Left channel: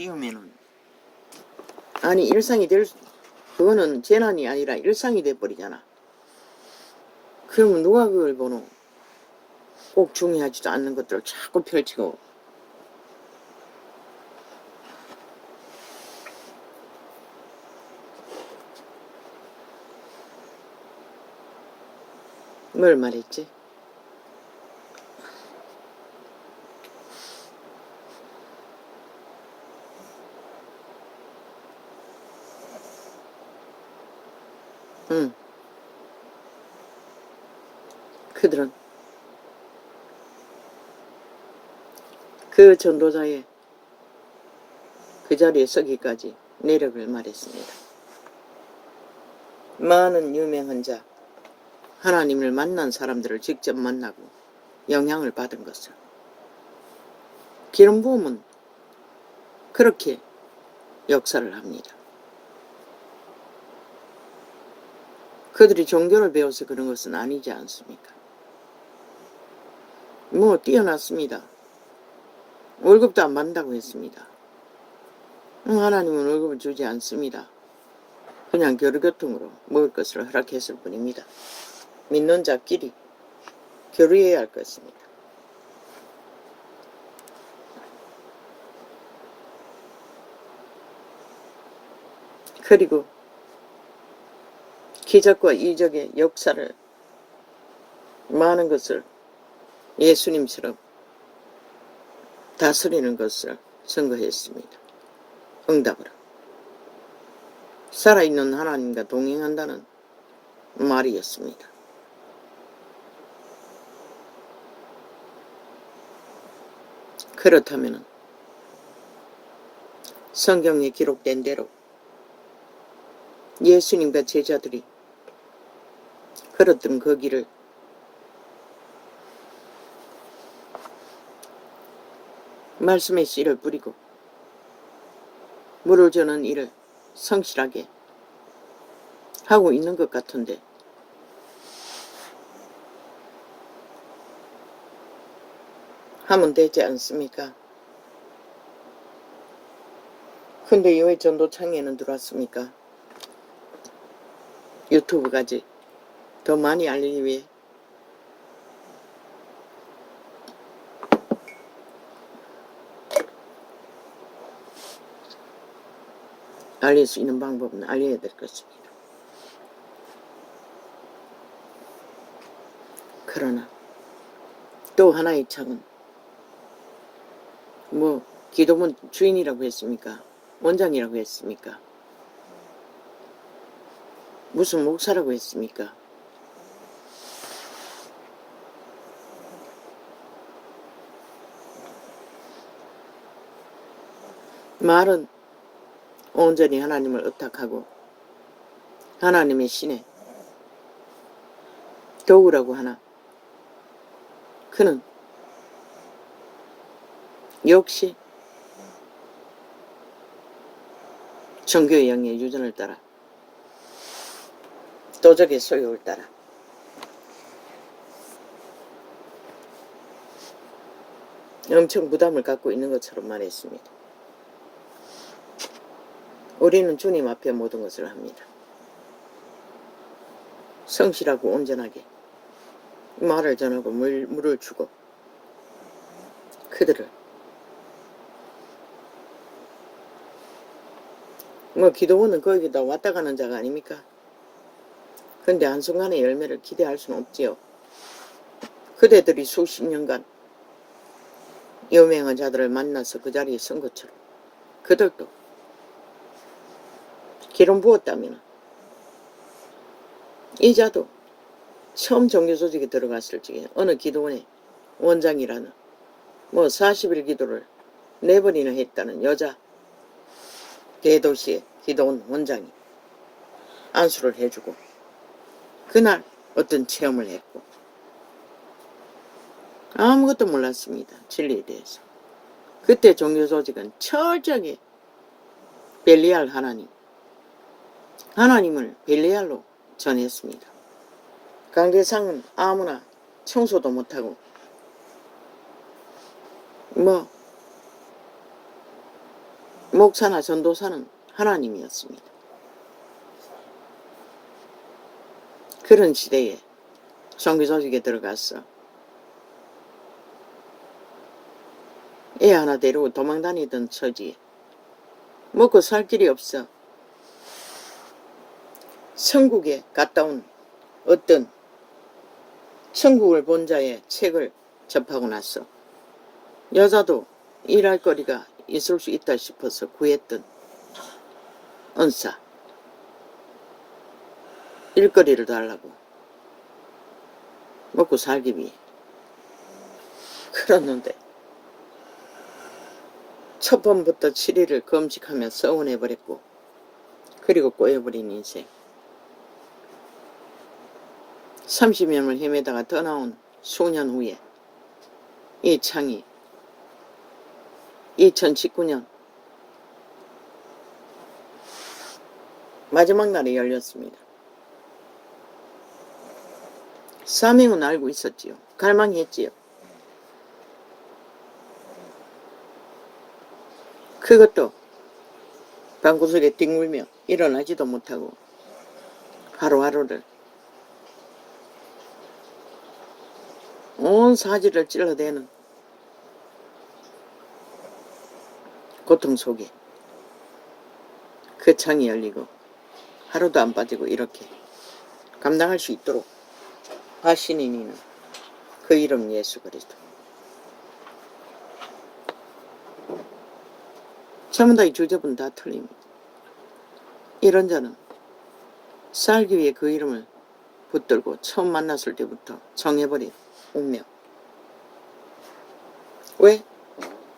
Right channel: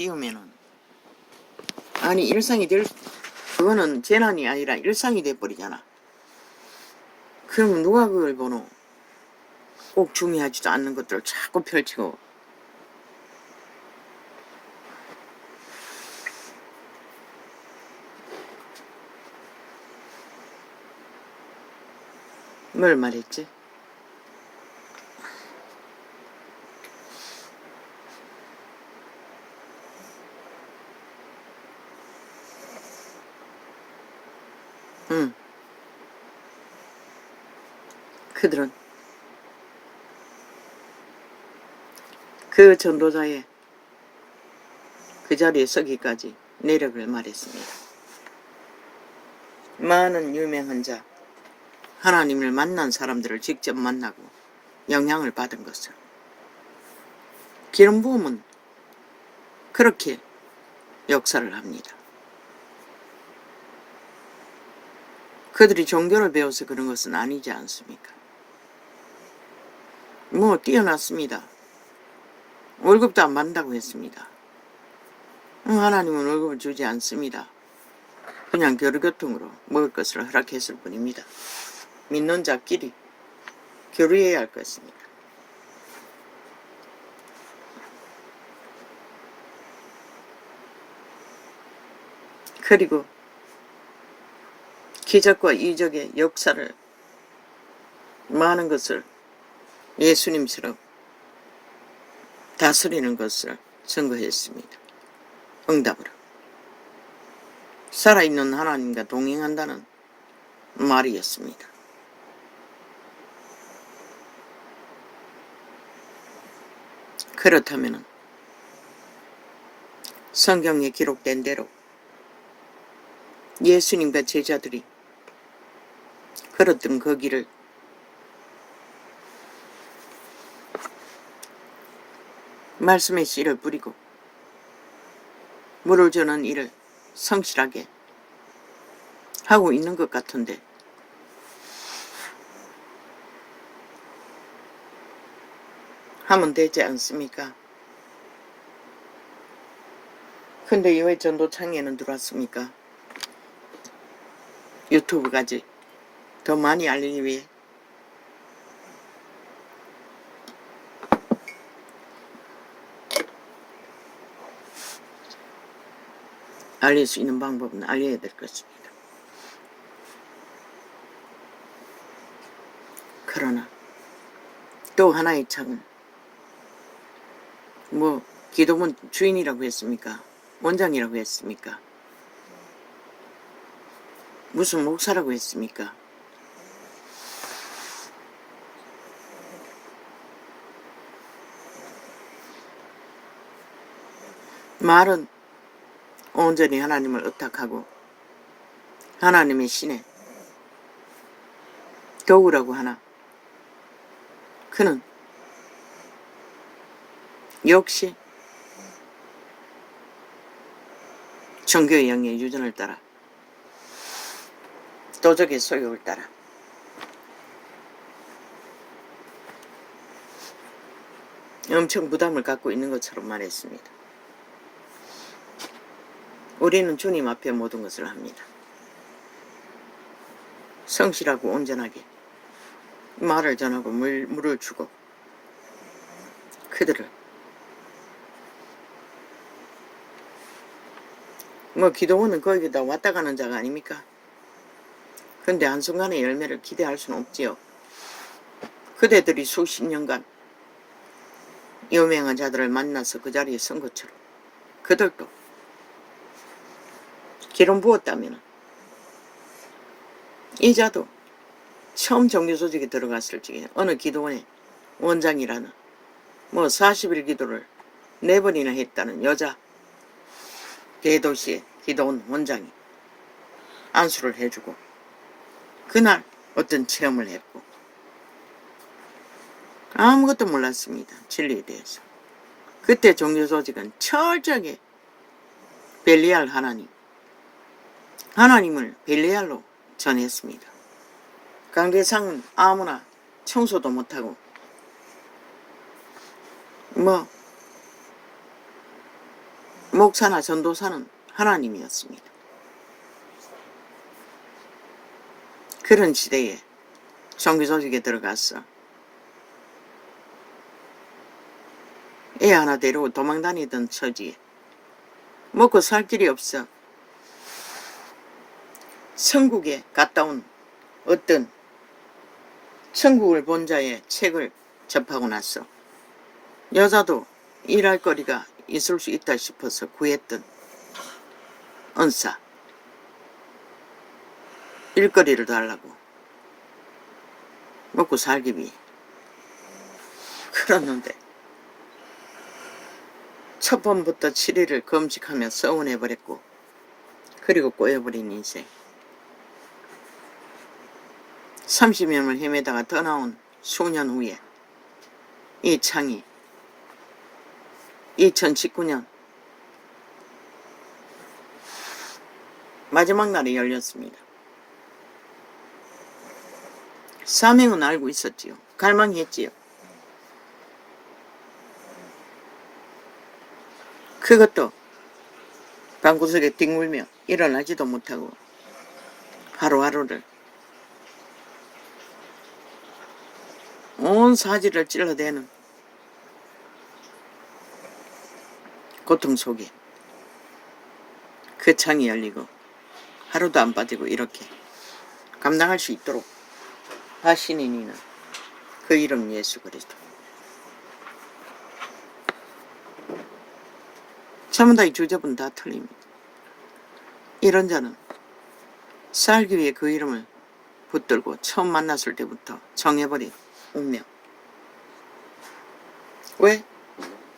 띄우면은 아니 일상이 그거는 재난이 아니라 일상이 돼버리잖아. 그러면 누가 그걸 보노? 꼭 중요하지도 않는 것들을 자꾸 펼치고. 뭘 말했지? 응. 그들은 그 전도자의 그 자리에 서기까지 내력을 말했습니다. 많은 유명한 자, 하나님을 만난 사람들을 직접 만나고 영향을 받은 것을. 기름 부음은 그렇게 역사를 합니다. 그들이 종교를 배워서 그런 것은 아니지 않습니까? 뭐 뛰어났습니다. 월급도 안 받는다고 했습니다. 하나님은 월급을 주지 않습니다. 그냥 교류교통으로 먹을 것을 허락했을 뿐입니다. 믿는 자끼리 교류해야 할 것입니다. 그리고 기적과 이적의 역사를 많은 것을 예수님처럼 다스리는 것을 선거했습니다. 응답으로. 살아있는 하나님과 동행한다는 말이었습니다. 그렇다면 성경에 기록된 대로 예수님과 제자들이 걸었던 그 길을 말씀의 씨를 뿌리고 물을 주는 일을 성실하게 하고 있는 것 같은데 하면 되지 않습니까? 근데 왜 전도창에는 들어왔습니까? 유튜브까지 더 많이 알리기 위해. 알릴 수 있는 방법은 알려야 될 것입니다. 그러나 또 하나의 창은 뭐 기도문 주인이라고 했습니까? 원장이라고 했습니까? 무슨 목사라고 했습니까? 말은 온전히 하나님을 의탁하고 하나님의 신에 도구라고 하나 그는 역시 종교의 영의 유전을 따라 도적의 소욕을 따라 엄청 부담을 갖고 있는 것처럼 말했습니다. 우리는 주님 앞에 모든 것을 합니다. 성실하고 온전하게 말을 전하고 물을 주고 그들을 뭐 기도원은 거기다 왔다 가는 자가 아닙니까? 근데 한순간에 열매를 기대할 수는 없지요. 그대들이 수십 년간 유명한 자들을 만나서 그 자리에 선 것처럼 그들도 기름 부었다면 이 자도 처음 종교조직에 들어갔을 적에 어느 기도원의 원장이라는 뭐 40일 기도를 4번이나 했다는 여자 대도시의 기도원 원장이 안수를 해주고 그날 어떤 체험을 했고 아무것도 몰랐습니다. 진리에 대해서. 그때 종교조직은 철저하게 벨리알 하나님을 벨리알로 전했습니다. 관계상은 아무나 청소도 못하고 뭐 목사나 전도사는 하나님이었습니다. 그런 시대에 종교조직에 들어가서 애 하나 데리고 도망다니던 처지에 먹고 살 길이 없어 천국에 갔다 온 어떤 천국을 본 자의 책을 접하고 나서 여자도 일할 거리가 있을 수 있다 싶어서 구했던 은사, 일거리를 달라고 먹고 살기 위해 그러는데 첫 번부터 7일을 금식하며 서운해버렸고 그리고 꼬여버린 인생 30년을 헤매다가 떠나온 수년 후에 이 창이 2019년 마지막 날에 열렸습니다. 사명은 알고 있었지요. 갈망했지요. 그것도 방구석에 뒹굴며 일어나지도 못하고 하루하루를 온 사지를 찔러대는 고통 속에 그 창이 열리고 하루도 안 빠지고 이렇게 감당할 수 있도록 하시는 이는 그 이름 예수 그리스도. 전부 다 이 주접은 다 틀립니다. 이런 자는 살기 위해 그 이름을 붙들고 처음 만났을 때부터 정해버린 운명. 왜?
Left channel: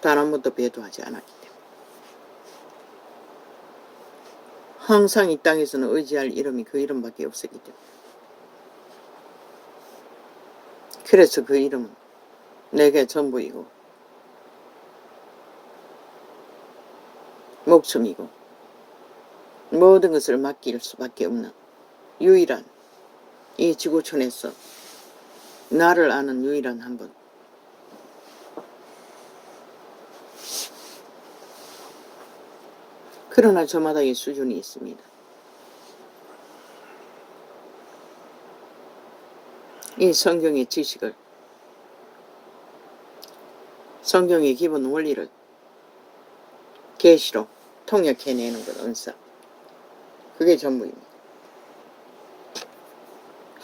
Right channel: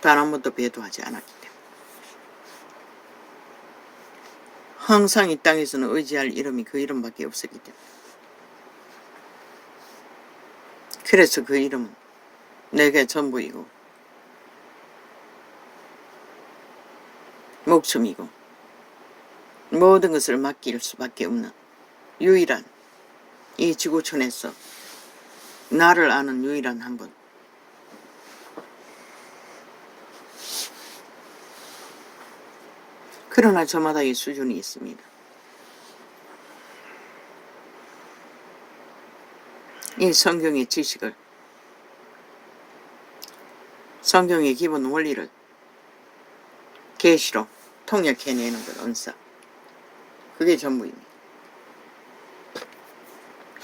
단 한 번도 배도하지 않았기 때문에. 항상 이 땅에서는 의지할 이름이 그 이름밖에 없었기 때문에. 그래서 그 이름은 내게 전부이고 목숨이고 모든 것을 맡길 수밖에 없는 유일한 이 지구촌에서 나를 아는 유일한 한 분. 그러나 저마다의 수준이 있습니다. 이 성경의 지식을, 성경의 기본 원리를 계시로 통역해내는 것, 은사. 그게 전부입니다.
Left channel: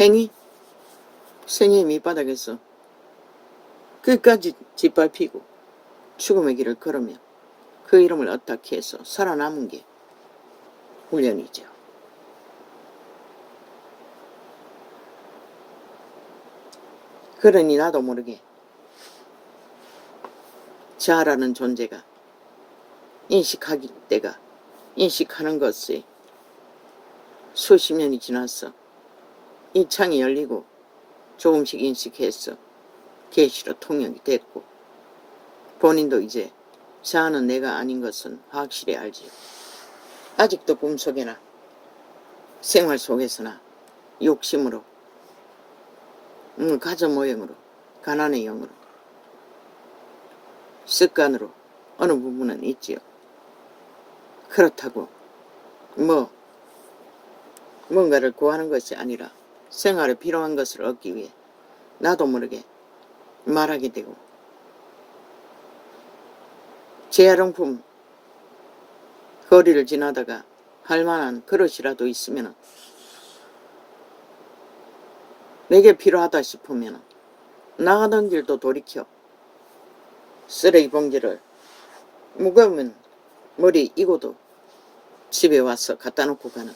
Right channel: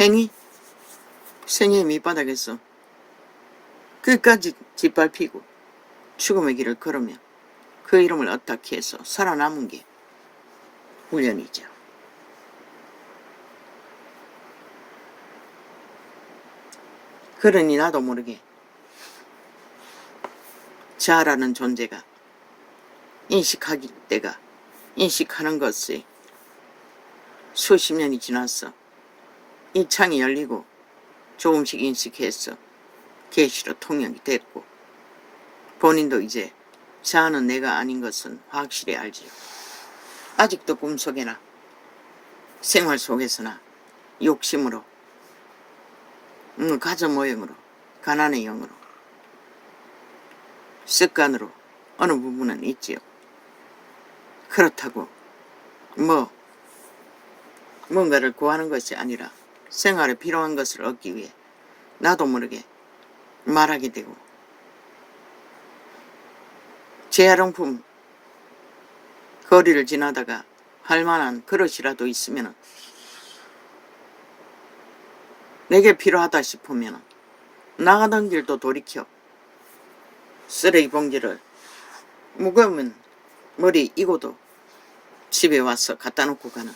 행위, 생의 밑바닥에서 끝까지 짓밟히고 죽음의 길을 걸으며 그 이름을 어떻게 해서 살아남은 게 훈련이죠. 그러니 나도 모르게 자아라는 존재가 인식하기 때가 인식하는 것이 수십 년이 지났어. 이 창이 열리고 조금씩 인식해서 계시로 통역이 됐고 본인도 이제 자아는 내가 아닌 것은 확실히 알지. 아직도 꿈속에나 생활 속에서나 욕심으로 가져 모형으로 가난의 영으로 습관으로 어느 부분은 있지요. 그렇다고 뭔가를 구하는 것이 아니라 생활에 필요한 것을 얻기 위해 나도 모르게 말하게 되고 재활용품 거리를 지나다가 할 만한 그릇이라도 있으면 내게 필요하다 싶으면 나가던 길도 돌이켜 쓰레기 봉지를 무거우면 머리 이고도 집에 와서 갖다 놓고 가는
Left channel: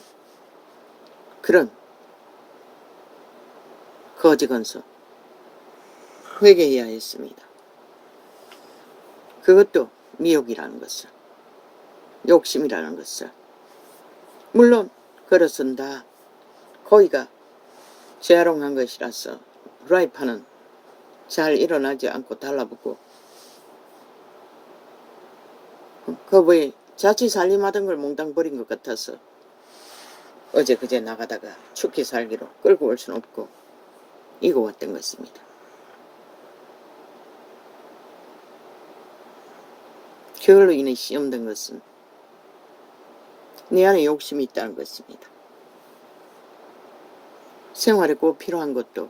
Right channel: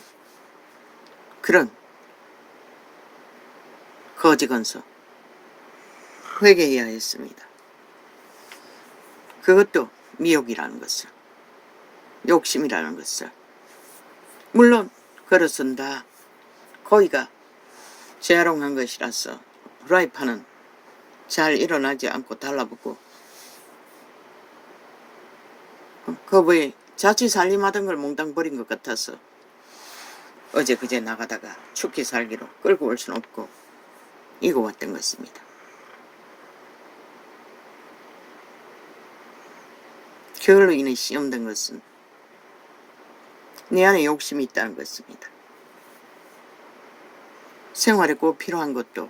그런 거지건서 회개해야 했습니다. 그것도 미혹이라는 것을, 욕심이라는 것을. 물론 그것은 다 거기가 재활용한 것이라서 프라이팬은 잘 일어나지 않고 달라붙고 거부에 자칫 살림하던 걸 몽땅 버린 것 같아서 어제 그제 나가다가 춥게 살기로 끌고 올 수는 없고 이고 왔던 것입니다. 그걸로 인해 시험된 것은 내 안에 욕심이 있다는 것입니다. 생활에 꼭 필요한 것도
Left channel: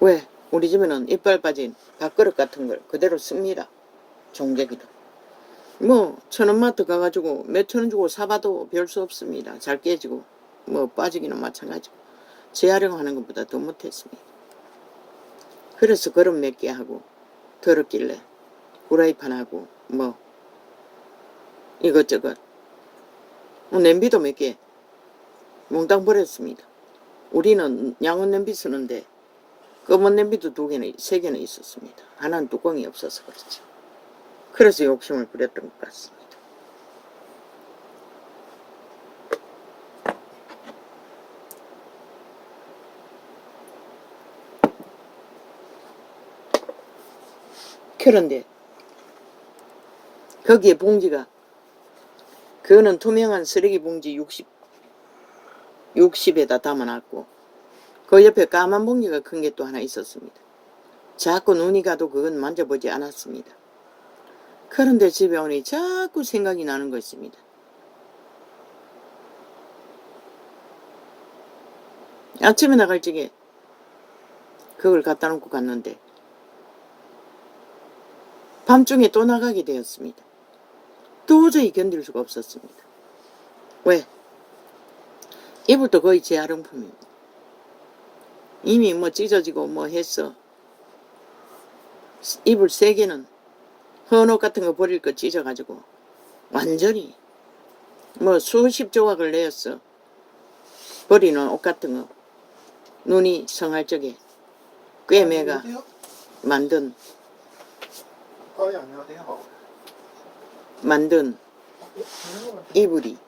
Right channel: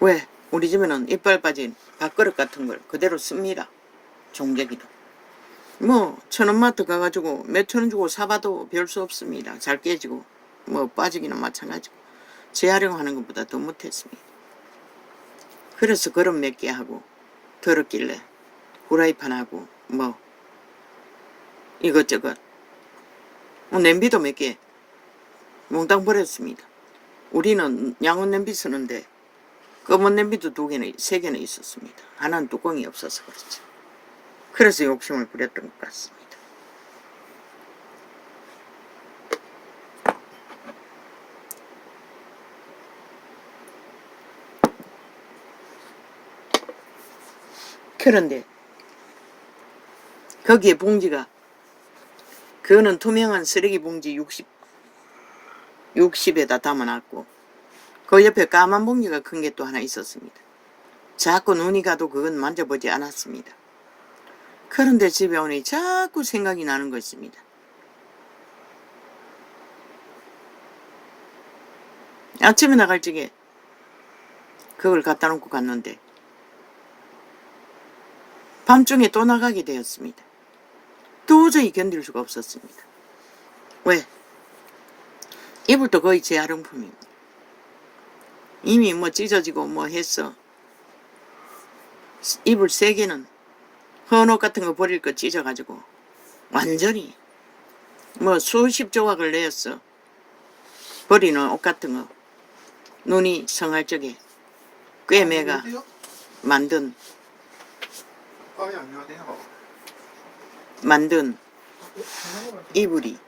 왜 우리 집에는 이빨 빠진 밥그릇 같은 걸 그대로 씁니다. 종재기도. 뭐 천원마트 가가지고 몇천 원 주고 사봐도 별 수 없습니다. 잘 깨지고 뭐 빠지기는 마찬가지고 재활용하는 것보다 더 못했습니다. 그래서 그릇 몇 개 하고 더럽길래 후라이팬하고 뭐 이것저것 뭐 냄비도 몇 개 몽땅 버렸습니다. 우리는 양은 냄비 쓰는데 검은 냄비도 2개나 3개나 있었습니다. 하나는 뚜껑이 없어서 그렇지. 그래서 욕심을 부렸던 것 같습니다. 그런데 거기에 봉지가 그거는 투명한 쓰레기 봉지 60에다 담아놨고 그 옆에 까만 봉지가 큰 게 또 하나 있었습니다. 자꾸 눈이 가도 그건 만져보지 않았습니다. 그런데 집에 오니 자꾸 생각이 나는 것입니다. 아침에 나갈 적에 그걸 갖다 놓고 갔는데 밤중에 또 나가게 되었습니다. 도저히 견딜 수가 없었습니다. 왜? 이불도 거의 재활용품입니다. 이미 뭐 찢어지고 뭐 했어. 이불 3개는 헌옷 같은 거 버릴 거 찢어가지고 완전히 뭐 수십 조각을 내었어. 버리는 옷 같은 거 눈이 성할 적에 꿰매가 만든 이불이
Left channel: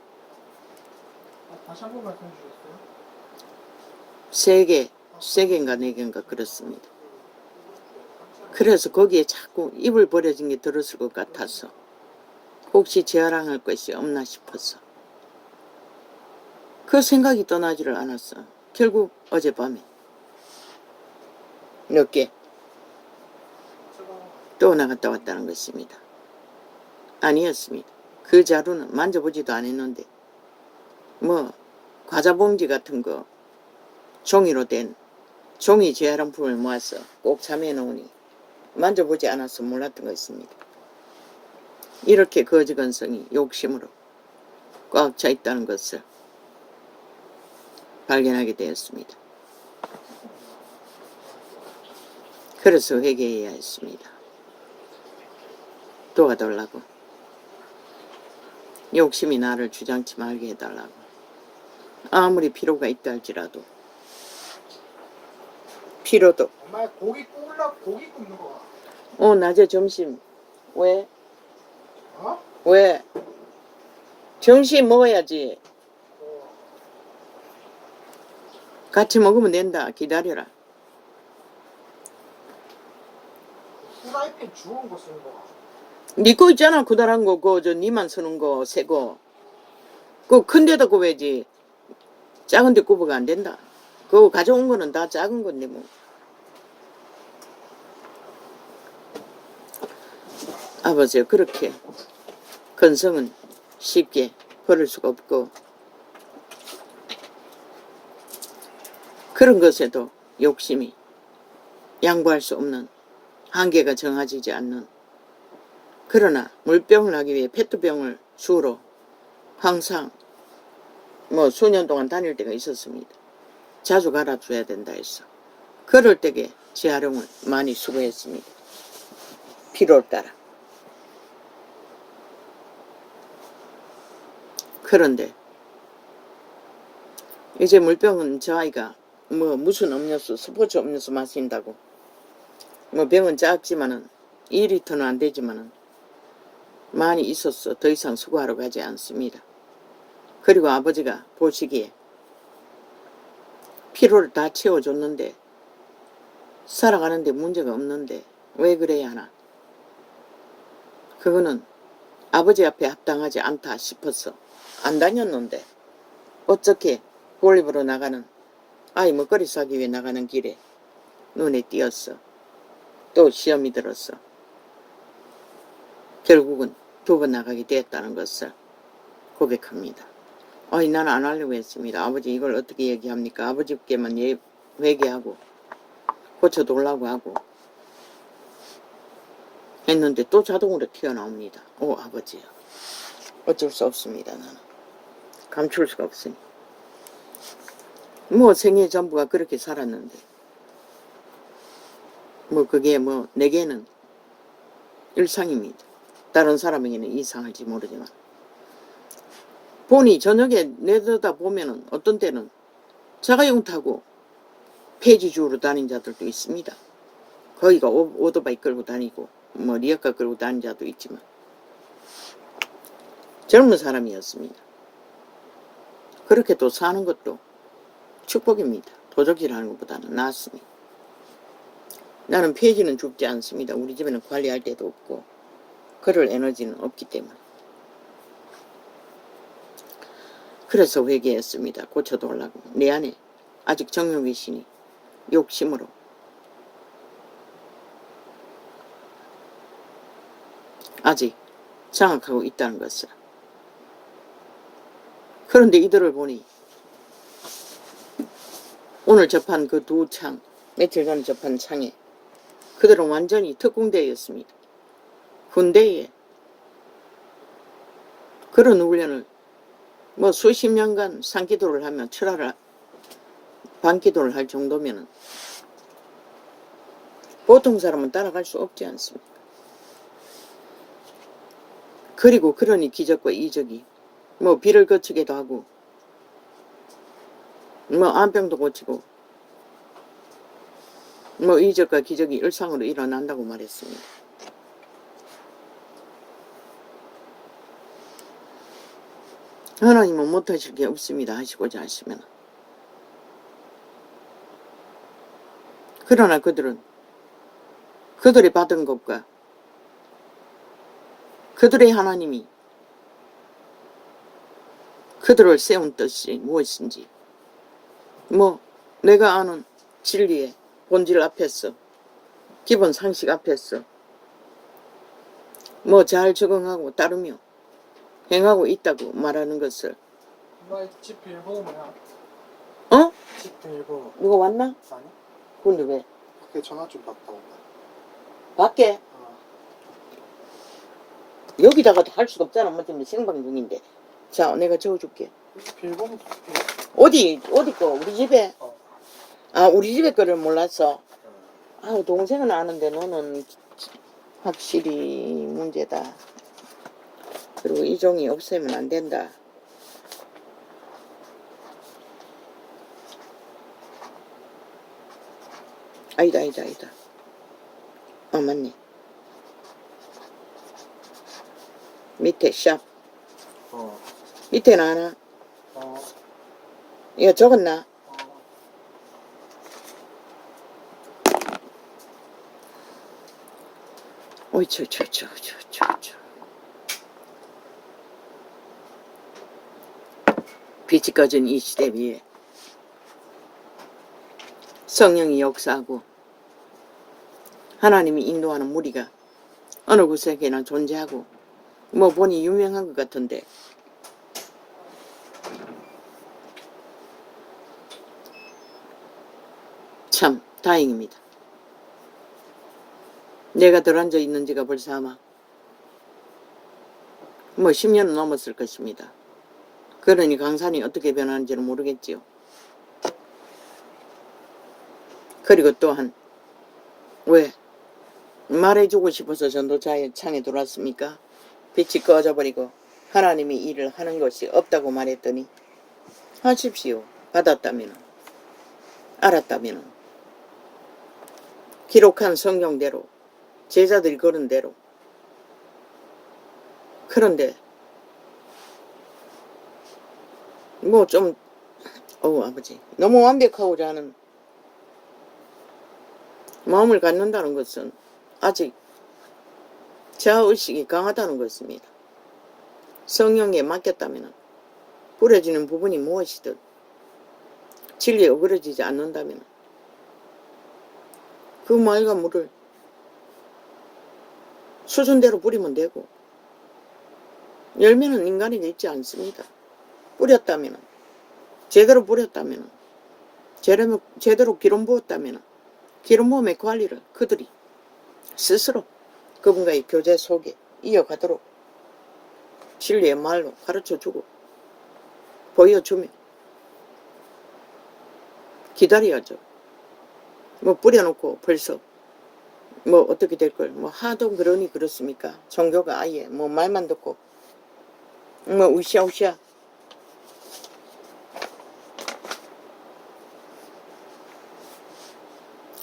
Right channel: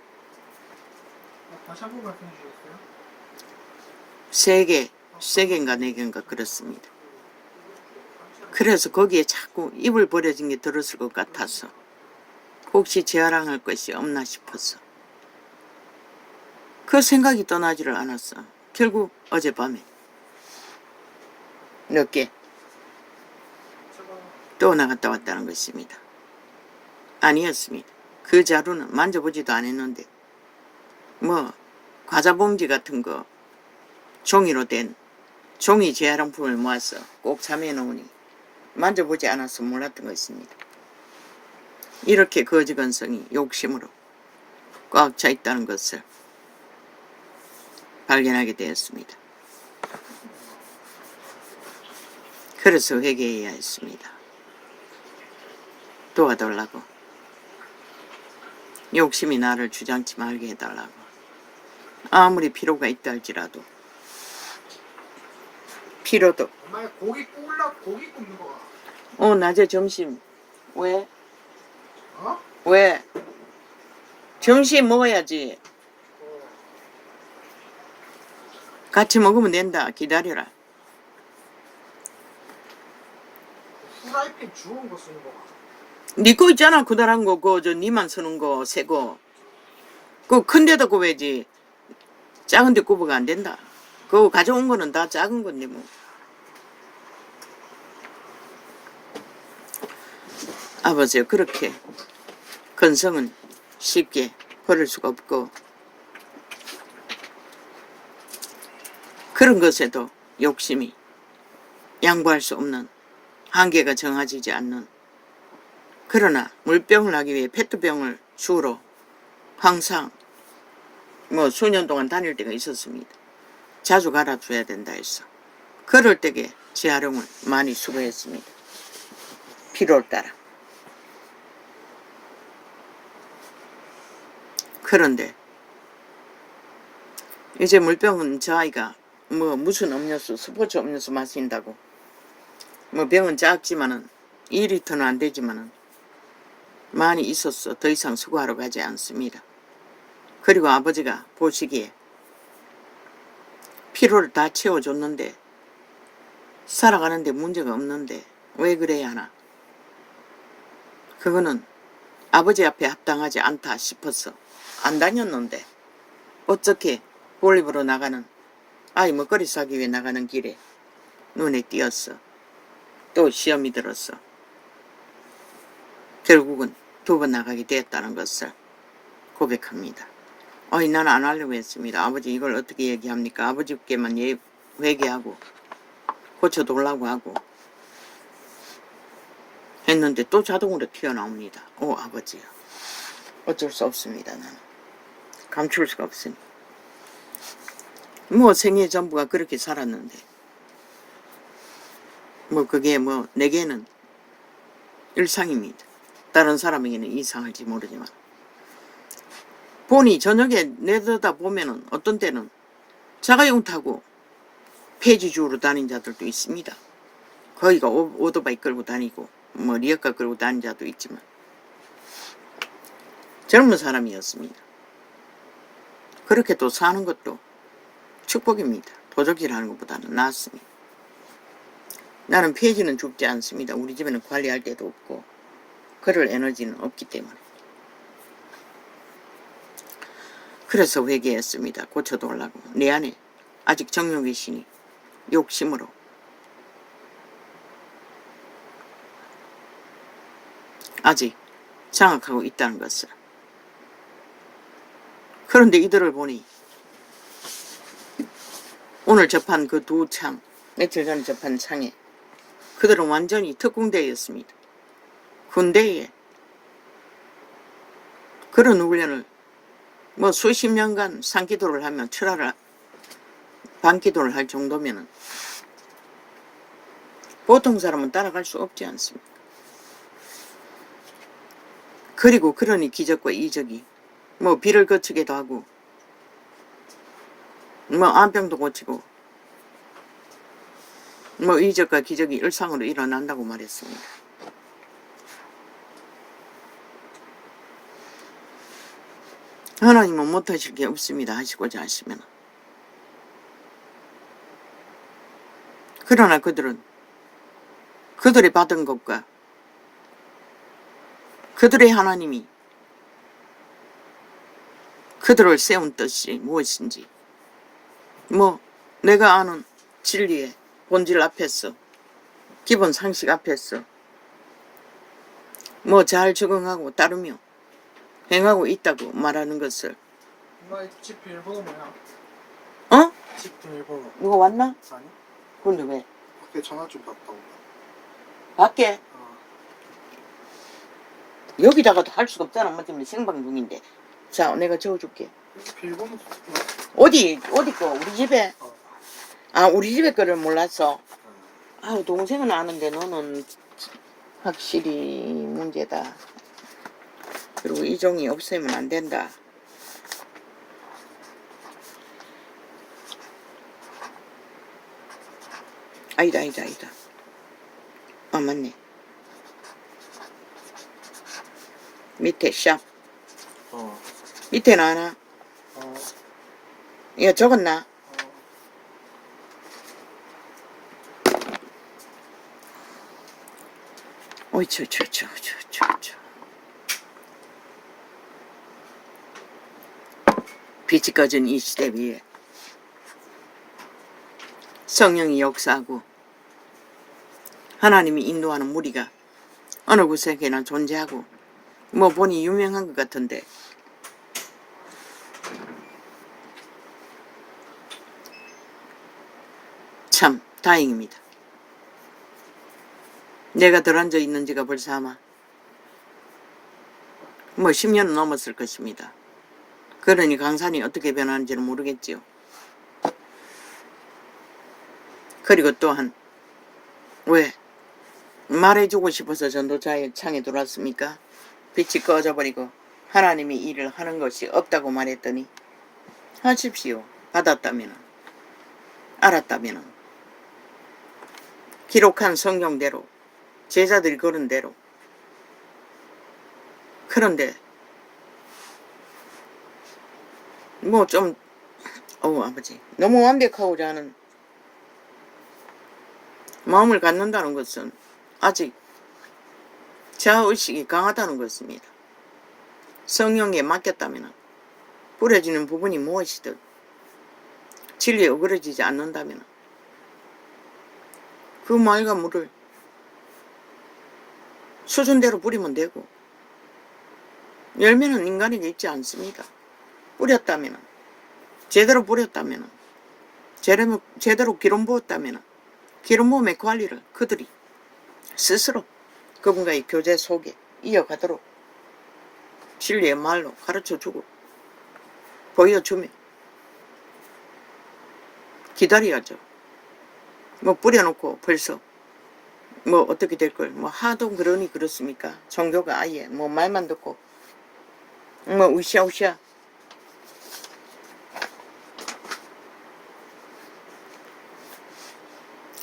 3개인가 4개인가 그렇습니다. 그래서 거기에 자꾸 이불 버려진 게 들었을 것 같아서 혹시 재활용할 것이 없나 싶어서 그 생각이 떠나지를 않았어. 결국 어젯밤에 늦게 또 나갔다 왔다는 것입니다. 아니었습니다. 그 자루는 만져보지도 않았는데 뭐 과자봉지 같은 거 종이로 된 종이 재활용품을 모아서 꼭 잠에 놓으니 만져보지 않아서 몰랐던 것입니다. 이렇게 거지건성이 욕심으로 꽉 차 있다는 것을 발견하게 되었습니다. 그래서 회개해야 했습니다. 도와달라고. 욕심이 나를 주장치 말게 해달라고. 아무리 필요가 있다 할지라도 필요도. 엄마 고기 굽는 거. 낮에 점심. 왜? 어? 왜? 점심 먹어야지. 같이 먹으면 된다. 기다려라. 후라이팬 주운 거 쓰는 거. 니 거 있잖아. 그다란 거. 니만 쓰는 거. 새 거. 그거 큰 데다 굽어야지. 작은 데 굽어가 안 된다. 그거 가져온 거는 다 작은 건데 뭐. 아버지요. 그렇게 건성은 쉽게 버릴 수가 없고 그런 것에도 욕심이 양보할 수 없는 한계가 정해지지 않는 그러나 물병을 하기 위해 페트병을 주로 항상 뭐 수년 동안 다닐 때가 있었습니다. 자주 갈아줘야 된다 해서 그럴 때에 재활용을 많이 수고했습니다. 필요에 따라. 그런데 이제 물병은 저 아이가 뭐 무슨 음료수 스포츠 음료수 마신다고 뭐 병은 작지만은 2리터는 안 되지만은 많이 있었어. 더 이상 수고하러 가지 않습니다. 그리고 아버지가 보시기에 필요를 다 채워줬는데 살아가는데 문제가 없는데 왜 그래야 하나. 그거는 아버지 앞에 합당하지 않다 싶어서 안 다녔는데 어떻게 볼립으로 나가는 아이 먹거리 사기 위해 나가는 길에 눈에 띄었어. 또 시험이 들었어. 결국은 두 번 나가게 되었다는 것을 고백합니다. 나는 안 하려고 했습니다. 아버지 이걸 어떻게 얘기합니까? 아버지께만 회개하고 고쳐달라고 하고 했는데 또 자동으로 튀어나옵니다. 아버지야. 어쩔 수 없습니다. 나는 감출 수가 없으니. 뭐 생애 전부가 그렇게 살았는데 뭐 그게 뭐 내게는 일상입니다. 다른 사람에게는 이상할지 모르지만 보니 저녁에 내려다 보면은 어떤 때는 자가용 타고 폐지주로 다닌 자들도 있습니다. 거기가 오토바이 끌고 다니고 뭐 리어카 끌고 다닌 자도 있지만 젊은 사람이었습니다. 그렇게 또 사는 것도 축복입니다. 도적질하는 것보다는 낫습니다. 나는 폐지는 죽지 않습니다. 우리 집에는 관리할 데도 없고 그럴 에너지는 없기 때문에. 그래서 회개했습니다. 고쳐달라고. 내 안에 아직 정욕이시니 욕심으로 아직 장악하고 있다는 것을. 그런데 이들을 보니 오늘 접한 그 두 창, 며칠 전에 접한 창에 그들은 완전히 특공대였습니다. 군대에 그런 훈련을 뭐 수십 년간 산기도를 하면 철화를 반기도를 할 정도면은 보통 사람은 따라갈 수 없지 않습니까? 그리고 그러니 기적과 이적이 뭐 비를 거치기도 하고 뭐 암병도 고치고 뭐 이적과 기적이 일상으로 일어난다고 말했습니다. 하나님은 못하실 게 없습니다. 하시고자 하시면. 그러나 그들이 받은 것과 그들의 하나님이 그들을 세운 뜻이 무엇인지 뭐 내가 아는 진리의 본질 앞에서 기본 상식 앞에서 뭐 잘 적응하고 따르며 행하고 있다고 말하는 것을. 엄마 집 비밀번호 뭐야? 어? 집 비밀번호. 누가 왔나? 아니? 근데 왜? 밖에 전화 좀 받다 온다. 밖에? 여기다가도 할 수가 없잖아. 뭐 때문에 생방 중인데. 자, 내가 적어줄게. 비밀번호. 어디 거? 우리 집에? 아, 우리 집에 거를 몰랐어. 응. 동생은 아는데 너는 확실히 문제다. 그리고 이 종이 없애면 안 된다. 아니다. 맞네. 밑에 샵. 밑에는 하나. 이거 적었나? 어이, 저. 빛이 꺼진 이 시대 위에 성령이 역사하고 하나님이 인도하는 무리가 어느 곳에나 존재하고 뭐 보니 유명한 것 같은데 참 다행입니다. 내가 들어앉아 있는 지가 벌써 아마 뭐 10년은 넘었을 것입니다. 그러니 강산이 어떻게 변하는지는 모르겠지요. 그리고 또한 왜 말해주고 싶어서 전도자의 창에 들어왔습니까? 빛이 꺼져버리고 하나님이 일을 하는 것이 없다고 말했더니 하십시오. 받았다면 알았다면 기록한 성경대로 제자들이 걸은 대로. 그런데 뭐 좀 아버지 너무 완벽하고자 하는 마음을 갖는다는 것은 아직 자아의식이 강하다는 것입니다. 성령에 맡겼다면 부러지는 부분이 무엇이든 진리에 어그러지지 않는다면 그 맑은 물을 수준대로 뿌리면 되고 열매는 인간에게 있지 않습니다. 뿌렸다면, 제대로 뿌렸다면, 제대로 기름 부었다면, 기름 부음의 관리를 그들이 스스로 그분과의 교제 속에 이어가도록 진리의 말로 가르쳐주고 보여주며 기다려야죠. 뭐 뿌려놓고 벌써 뭐 어떻게 될 걸 뭐 하도 그러니 그렇습니까? 종교가 아예 뭐 말만 듣고 뭐 으쌰으쌰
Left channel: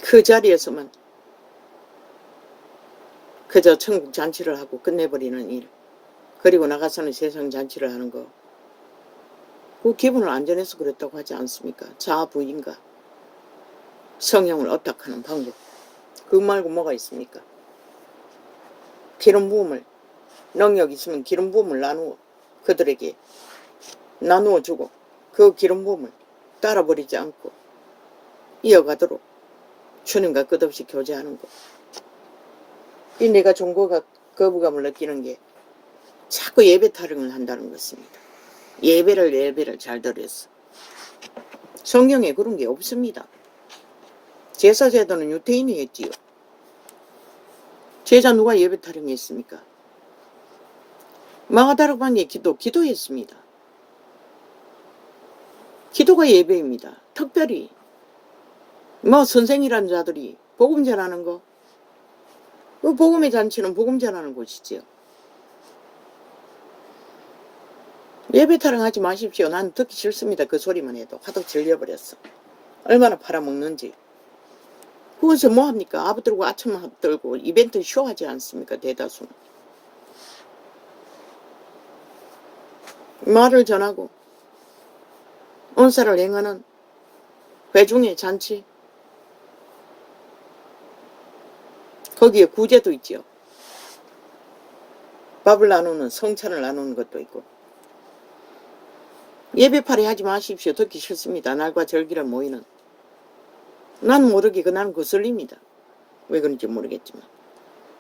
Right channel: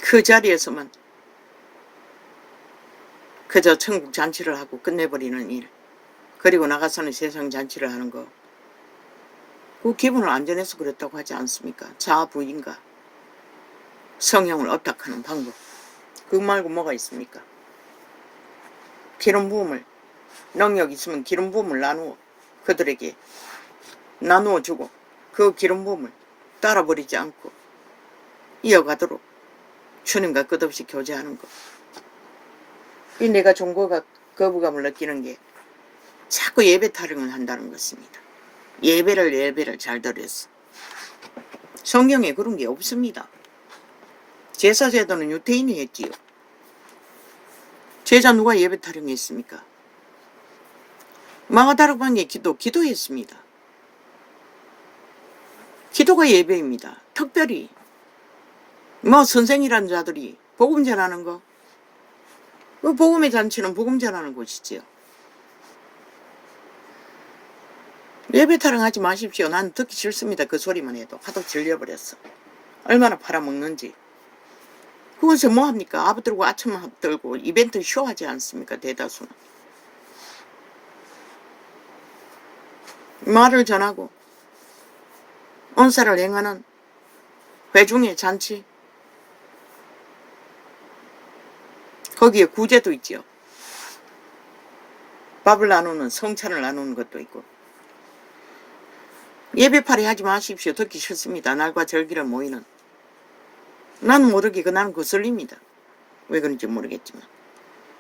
그 자리에서만 그저 천국 잔치를 하고 끝내버리는 일, 그리고 나가서는 세상 잔치를 하는 거, 그 기분을 안전해서 그랬다고 하지 않습니까? 자아 부인과 성형을 어탁하는 방법, 그 말고 뭐가 있습니까? 기름 부음을, 능력 있으면 기름 부음을 나누어 그들에게 나누어 주고 그 기름 부음을 따라버리지 않고 이어가도록 주님과 끝없이 교제하는 것. 이 내가 종교가 거부감을 느끼는 게 자꾸 예배 타령을 한다는 것입니다. 예배를 잘 들었어. 성경에 그런 게 없습니다. 제사제도는 유대인이 했지요. 제자 누가 예배 타령했습니까? 마가다락 방에 기도했습니다. 기도가 예배입니다. 특별히 뭐 선생이라는 자들이 복음 전하는 거, 그 복음의 잔치는 복음 전하는 곳이지요. 예배 타령하지 마십시오. 난 듣기 싫습니다. 그 소리만 해도 하도 질려버렸어. 얼마나 팔아먹는지. 그것을 뭐합니까? 아부 들고 아첨 들고 이벤트 쇼하지 않습니까? 대다수는. 말을 전하고 언사를 행하는 회중의 잔치, 거기에 구제도 있죠. 밥을 나누는, 성찬을 나누는 것도 있고. 예배팔이 하지 마십시오. 듣기 싫습니다. 날과 절기를 모이는. 나는 모르게 나는 거슬립니다. 왜 그런지 모르겠지만.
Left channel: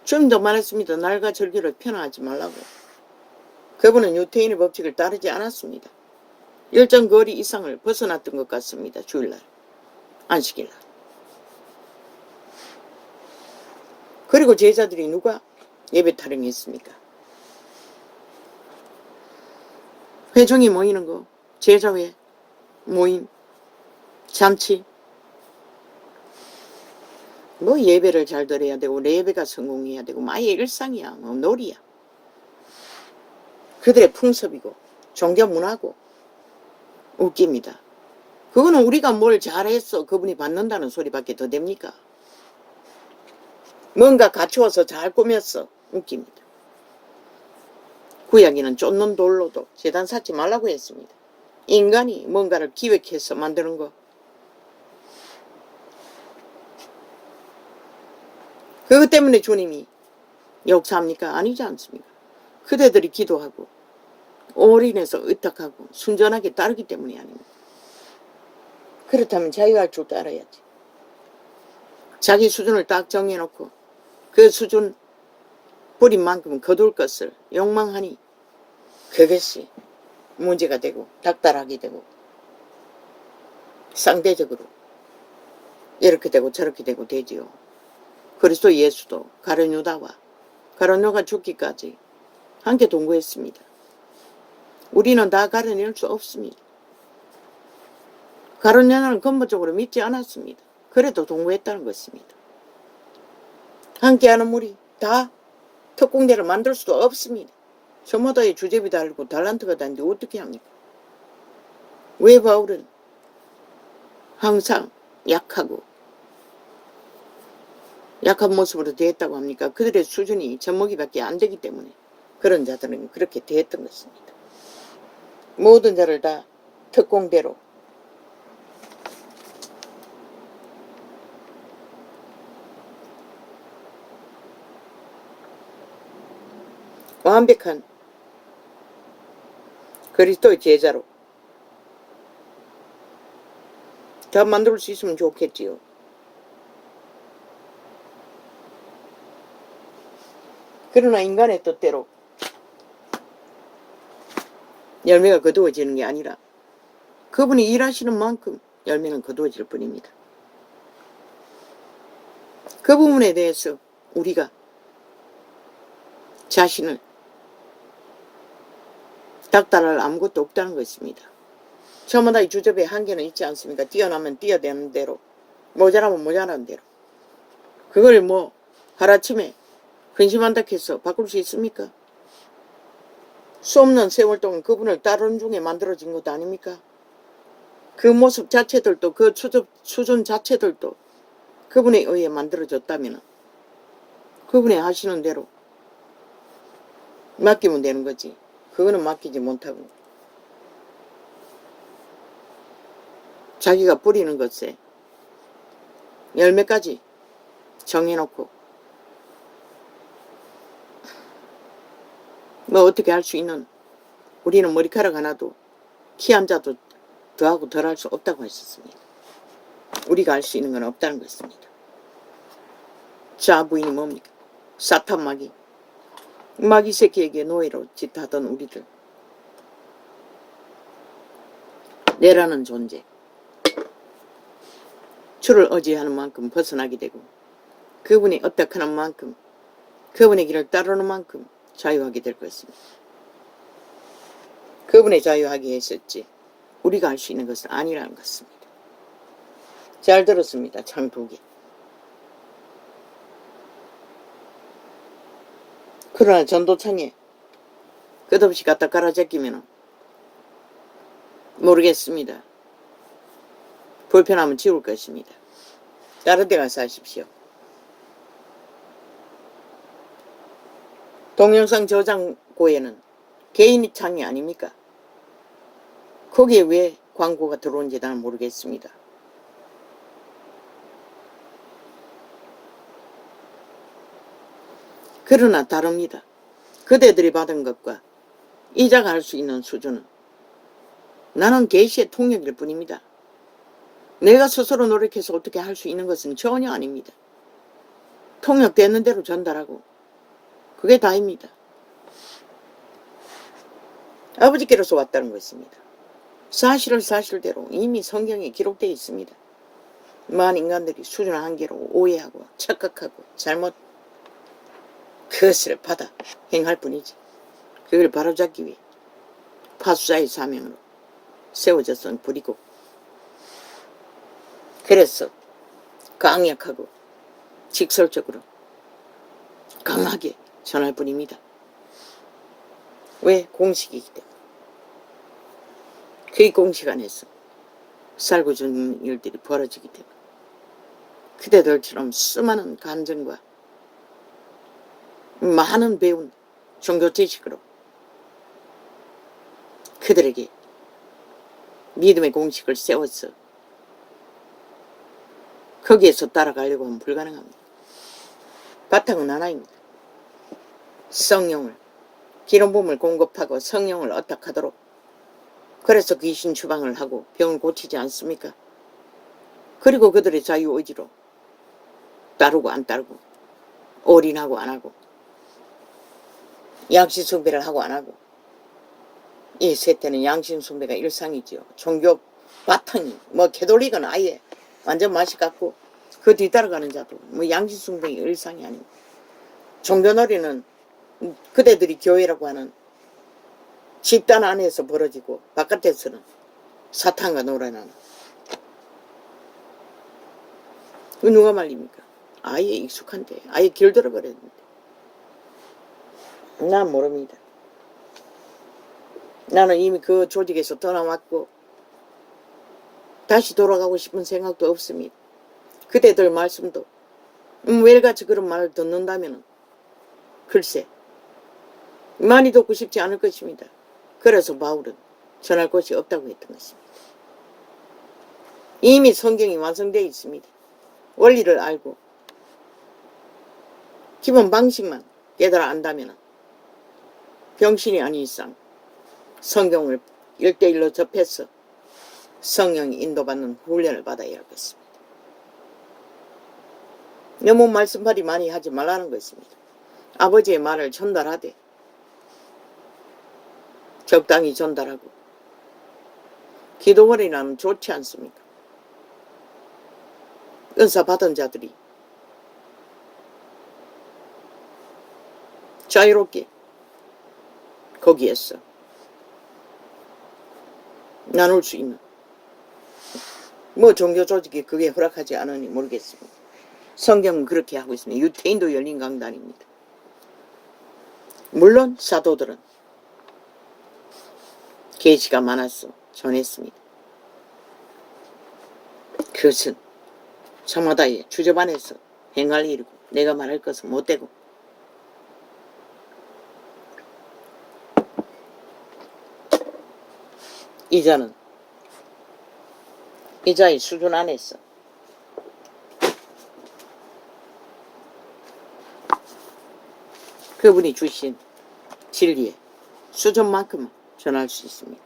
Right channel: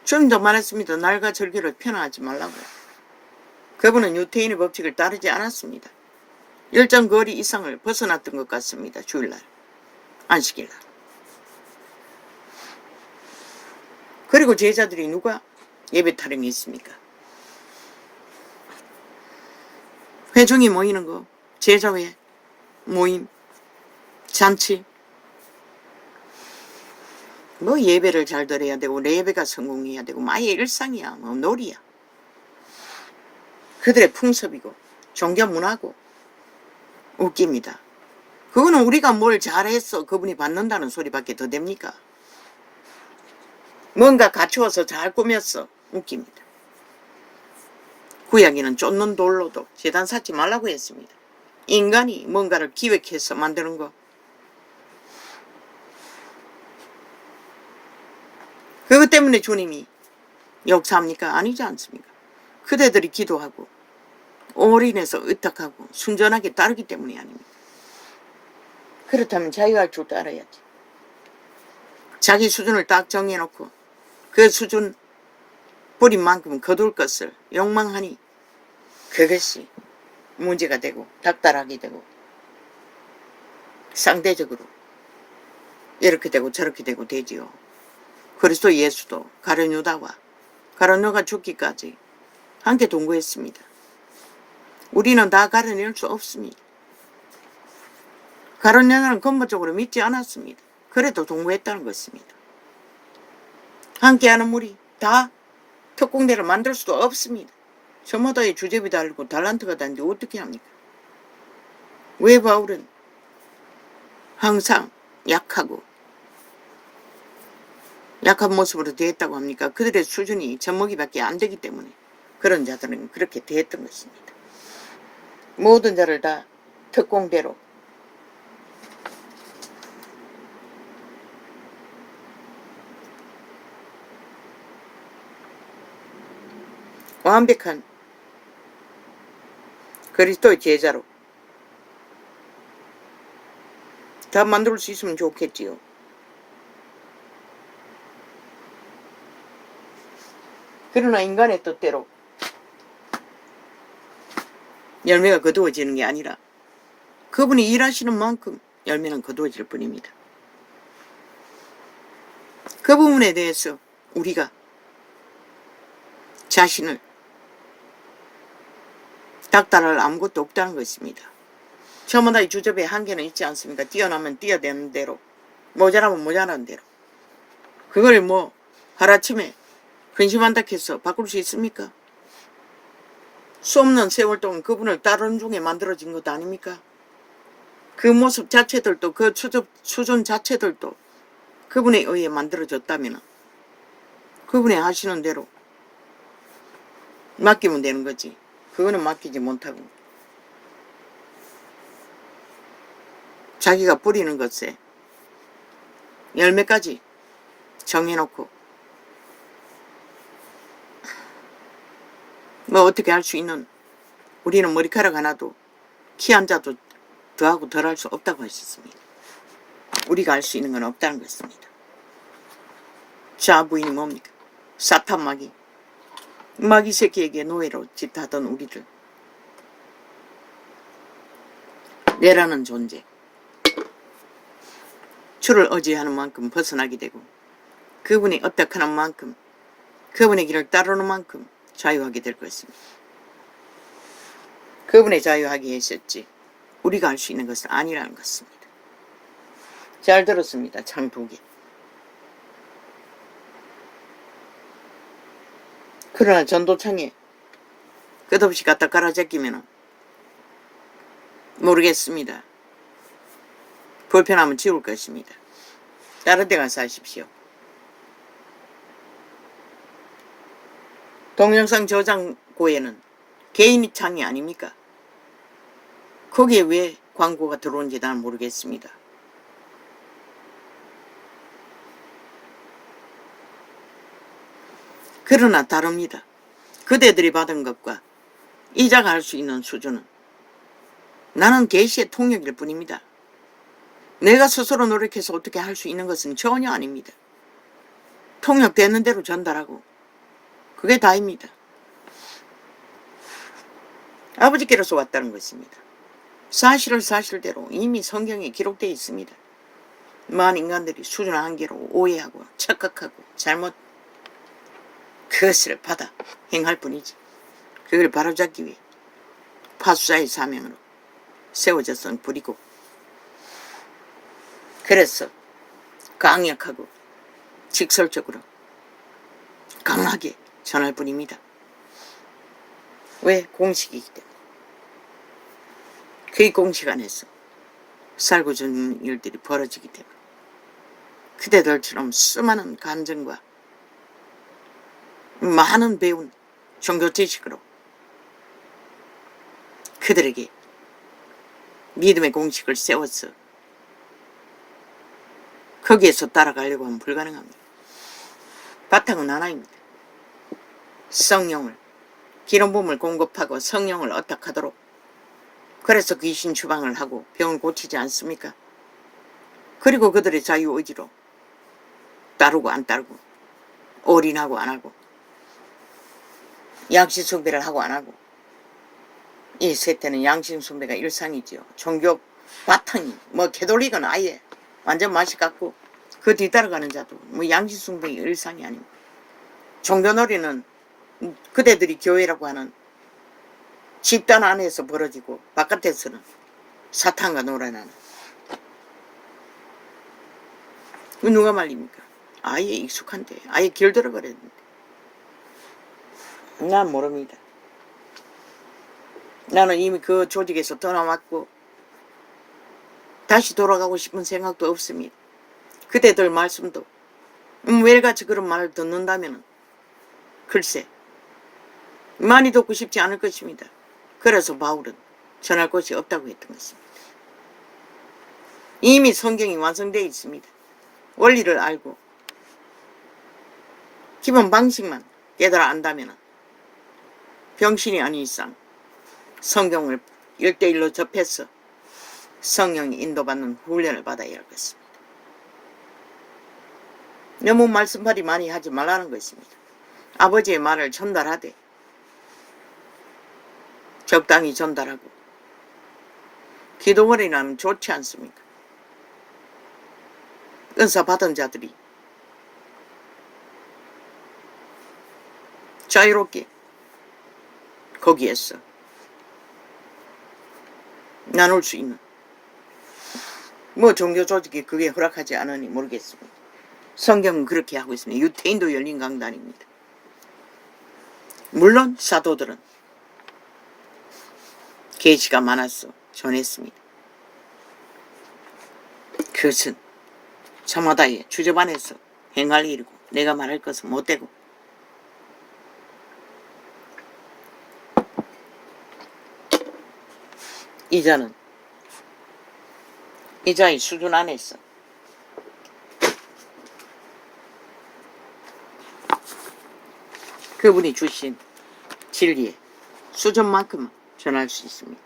주님도 말했습니다. 날과 절기를 편하지 말라고. 그분은 유태인의 법칙을 따르지 않았습니다. 일정 거리 이상을 벗어났던 것 같습니다. 주일날, 안식일날. 그리고 제자들이 누가 예배 타령이 있습니까? 회중이 모이는 거, 제자회, 모임, 잔치. 뭐 예배를 잘 드려야 되고 예배가 성공해야 되고 아예 일상이야. 뭐 놀이야. 그들의 풍습이고 종교 문화고 웃깁니다. 그거는 우리가 뭘 잘했어 그분이 받는다는 소리밖에 더 됩니까? 뭔가 갖추어서 잘 꾸몄어. 웃깁니다. 구약에는 쫓는 돌로도 제단 쌓지 말라고 했습니다. 인간이 뭔가를 기획해서 만드는 거. 그것 때문에 주님이 역사합니까? 아니지 않습니까? 그대들이 기도하고 올인해서 의탁하고 순전하게 따르기 때문이 아닙니다. 그렇다면 자기가 줄 따라야지. 자기 수준을 딱 정해놓고 그 수준 버린 만큼 거둘 것을 욕망하니 그것이 문제가 되고 닥달하게 되고 상대적으로 이렇게 되고 저렇게 되고 되지요. 그리스도 예수도 가룟 유다가 죽기까지 함께 동거했습니다. 우리는 다 가려낼 수 없습니다. 가룟 유다는 근본적으로 믿지 않았습니다. 그래도 동거했다는 것입니다. 함께하는 무리 다 특공대를 만들 수도 없습니다. 저마다의 주제비 달고 달란트가 다는데 어떻게 합니까? 왜 바울은 항상 약한 모습으로 대했다고 합니까? 그들의 수준이 젖먹이밖에 안 되기 때문에 그런 자들은 그렇게 대했던 것입니다. 모든 자를 다 특공대로 완벽한 그리스도의 제자로 다 만들 수 있으면 좋겠지요. 그러나 인간의 뜻대로 열매가 거두어지는 게 아니라 그분이 일하시는 만큼 열매는 거두어질 뿐입니다. 그 부분에 대해서 우리가 자신을 닥달할 아무것도 없다는 것입니다. 저마다 이 주접에 한계는 있지 않습니까? 뛰어나면 뛰어대는 대로, 모자라면 모자라는 대로. 그걸 뭐 하루아침에 근심한다 해서 바꿀 수 있습니까? 수 없는 세월 동안 그분을 따르는 중에 만들어진 것 아닙니까? 그 모습 자체들도 그 수준 자체들도 그분에 의해 만들어졌다면 그분이 하시는 대로 맡기면 되는 거지. 그거는 맡기지 못하고 자기가 뿌리는 것에 열매까지 정해놓고 뭐 어떻게 할 수 있는, 우리는 머리카락 하나도 키 한 자도 더하고 덜할 수 없다고 하셨습니다. 우리가 할 수 있는 건 없다는 것입니다. 자, 부인이 뭡니까? 사탄 마귀 새끼에게 노예로 짓하던 우리를 내라는 존재, 주를 의지하는 만큼 벗어나게 되고 그분이 어떻게 하는 만큼, 그분의 길을 따르는 만큼 자유하게 될 것입니다. 그분의 자유하게 하셨지 우리가 할 수 있는 것은 아니라는 것입니다. 잘 들었습니다. 참 보기. 그러나 전도창에 끝없이 갖다 깔아제끼면 모르겠습니다. 불편하면 지울 것입니다. 다른 데 가서 하십시오. 동영상 저장고에는 개인이 창이 아닙니까? 거기에 왜 광고가 들어온지 나는 모르겠습니다. 그러나 다릅니다. 그대들이 받은 것과 이자가 할 수 있는 수준은 나는 계시의 통역일 뿐입니다. 내가 스스로 노력해서 어떻게 할 수 있는 것은 전혀 아닙니다. 통역되는 대로 전달하고 그게 다입니다. 아버지께로서 왔다는 것입니다. 사실을 사실대로 이미 성경에 기록되어 있습니다. 많은 인간들이 수준 한계로 오해하고 착각하고 잘못 그것을 받아 행할 뿐이지 그걸 바로잡기 위해 파수자의 사명으로 세워졌던 불이고, 그래서 강력하고 직설적으로 강하게 전할 뿐입니다. 왜? 공식이기 때문에. 그 공식 안에서 살고 죽는 일들이 벌어지기 때문에 그대들처럼 수많은 간증과 많은 배운 종교 지식으로 그들에게 믿음의 공식을 세워서 거기에서 따라가려고 하면 불가능합니다. 바탕은 하나입니다. 성령을, 기름부음을 공급하고 성령을 어떡하도록, 그래서 귀신 추방을 하고 병을 고치지 않습니까? 그리고 그들의 자유의지로 따르고 안 따르고, 올인하고 안 하고, 양심 숭배를 하고 안 하고. 이 세태는 양심 숭배가 일상이지요. 종교 바탕이 뭐 개돌릭은 아예 완전 맛이 같고 그 뒤따라가는 자도 뭐 양심 숭배의 일상이 아닙니다. 종교놀이는 그대들이 교회라고 하는 집단 안에서 벌어지고 바깥에서는 사탄과 놀아나는. 누가 말립니까? 아예 익숙한데, 아예 길들어 버렸는데. 난 모릅니다. 나는 이미 그 조직에서 떠나왔고 다시 돌아가고 싶은 생각도 없습니다. 그대들 말씀도 매일같이 그런 말을 듣는다면 글쎄 많이 듣고 싶지 않을 것입니다. 그래서 바울은 전할 것이 없다고 했던 것입니다. 이미 성경이 완성되어 있습니다. 원리를 알고 기본 방식만 깨달아 안다면 병신이 아닌 이상 성경을 1대1로 접해서 성령이 인도받는 훈련을 받아야 하겠습니다. 너무 말씀팔이 많이 하지 말라는 것입니다. 아버지의 말을 전달하되 적당히 전달하고. 기도원이라면 좋지 않습니까? 은사 받은 자들이 자유롭게 거기에서 나눌 수 있는, 뭐 종교 조직이 그게 허락하지 않으니 모르겠습니다. 성경은 그렇게 하고 있습니다. 유태인도 열린 강단입니다. 물론 사도들은 계시가 많아서 전했습니다. 그것은 저마다의 주접 안에서 행할 일이고 내가 말할 것은 못되고, 이자는 이자의 수준 안에서 그분이 주신 진리의 수준만큼만 전할 수 있습니다.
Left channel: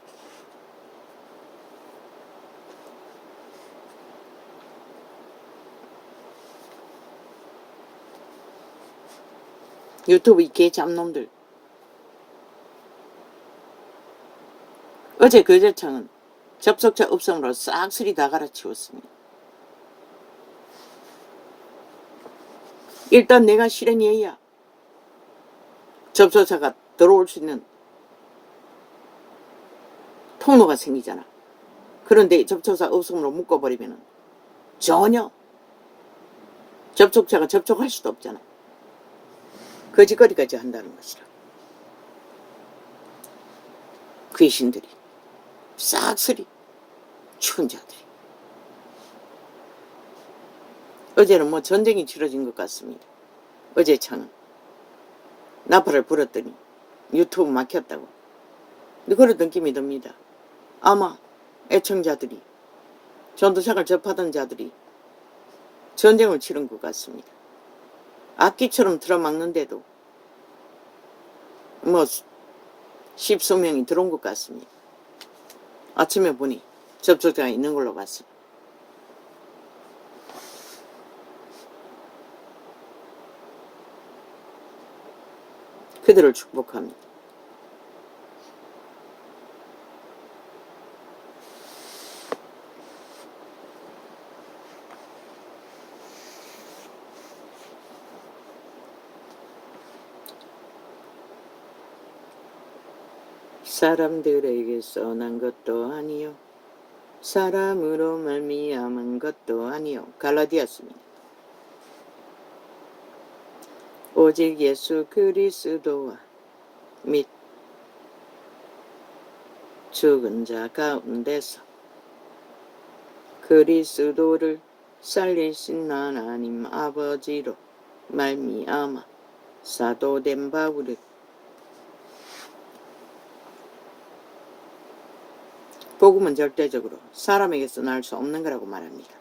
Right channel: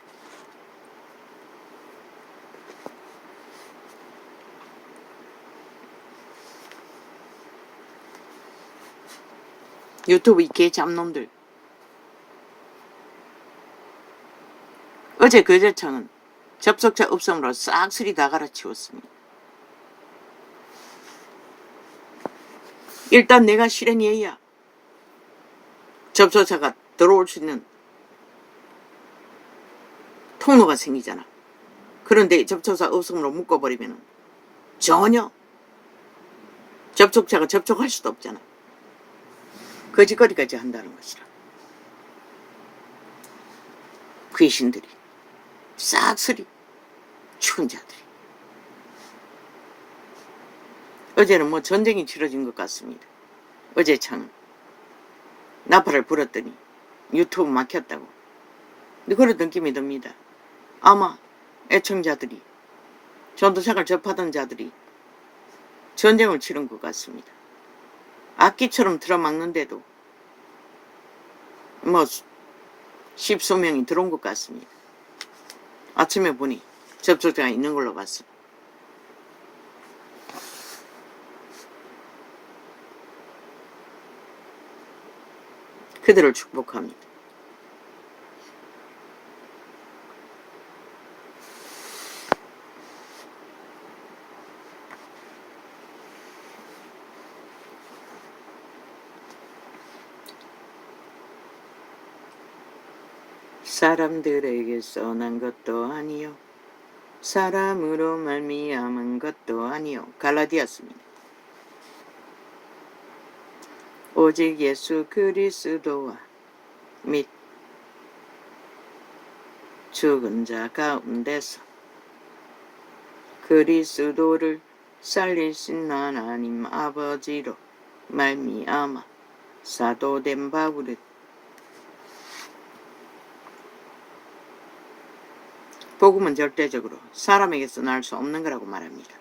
유튜브 이 개 잡놈들, 어제 거제청은 접속자 없음으로 싹쓸이 다 갈아치웠습니다. 일단 내가 실행해야 접속자가 들어올 수 있는 통로가 생기잖아. 그런데 접촉자 없음으로 묶어버리면 전혀 접촉자가 접촉할 수도 없잖아. 거짓거리까지 한다는 것이라. 귀신들이, 싹쓸이 추운 자들이. 어제는 뭐 전쟁이 치러진 것 같습니다. 어제 참 나팔을 불었더니 유튜브 막혔다고. 근데 그런 느낌이 듭니다. 아마 애청자들이, 전도사를 접하던 자들이 전쟁을 치른 것 같습니다. 악기처럼 들어막는데도 뭐 십수명이 들어온 것 같습니다. 아침에 보니 접촉자가 있는 걸로 봤습니다. 그들을 축복합니다. 사람들에게서 난 것도 아니요 사람으로 말미암은 것도 아니요. 갈라디아서입니다. 오직 예수 그리스도와 및 죽은 자 가운데서 그리스도를 살리신 하나님 아버지로 말미암아 사도된 바울은 복음은 절대적으로 사람에게서 날 수 없는 거라고 말합니다.